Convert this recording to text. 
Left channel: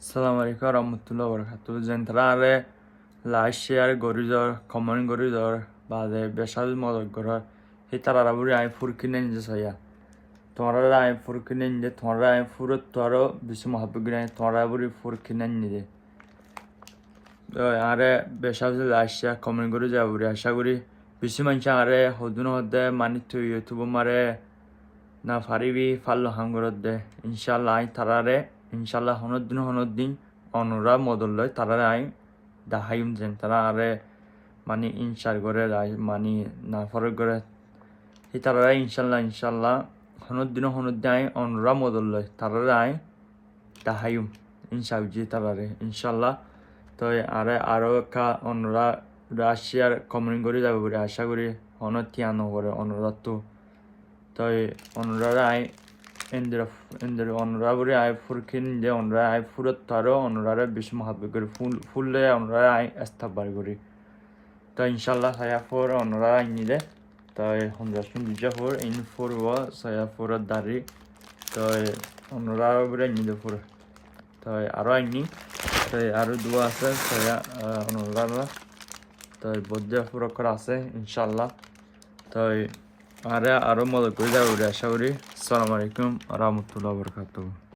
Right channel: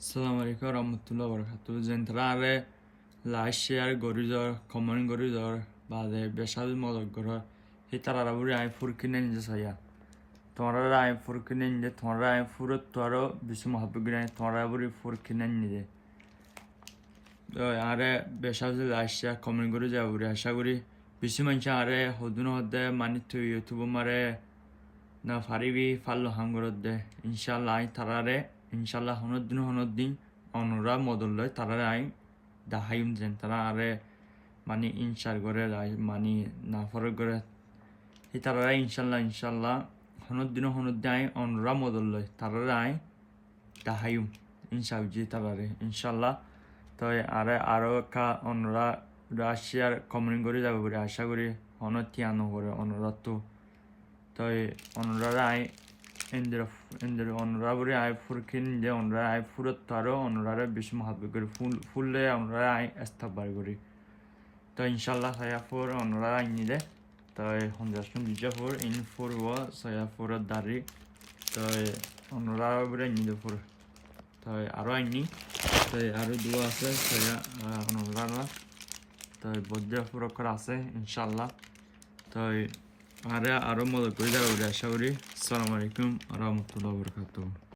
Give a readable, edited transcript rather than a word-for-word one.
Assalamu alaikum warahmatullahi wabarakatuh. Zentrale like share gorizor comment gorizor bade besal model gorar hitara buri ay furkinen je soya tomara ay furkinen je tomara ay furut toro bisu mahabugine tomara buri furkinen je are besal like share comment gorizor buri asha guri bisu mancha are hodun hodde manitu youtube mare না পারিবি পারলো হাম করতে ইনশাল্লাহ I তারারে ইনশাল্লাহ হনদিন অনুরা মদল লয় তারারে I দাহাইম যেন তারা আরে মানে ইনশার করে মানে না ফরক করে এই তারারে ইনশাল্লাহ হনদিন আই অনুরা মদল লয় তারারে আই দাহাইম ইনশাল জি তারারে ইনশাল্লাহ তো আরে আরো কা অনুরা রাশিয়ার কমেন্ট করে যাবে বলে আশা করি তিয়ানো করে অনুরাধ তো তাই অনুরারা আই এন্দের অনুরাবরে আই ফুরকিন যে অনুরা আই ফুরত তারও অনুরারা বেশি মহাব্বে করে ফুললে অনুরারা আই এস্তাববার করি তো ইনশাল্লাহ সায়া ফোর অনুরারা আই নিলে তাই হন্দাসুন দুজা ফোর ইন ফোর ও সায়া ফোরের দাঁড়ি তাই অনুরাবরে নিলে ফোর তাই আরও আইনি তাই আরও দুয়া আছে সায়া অনুরারা তাই বৌদ্ধ ফুরকর আছে ইনশাল্লাহ তাই আরো মদত করে যাবো আশা করি। আসসালামু আলাইকুম ওয়া রাহমাতুল্লাহি ওয়া বারাকাতুহু।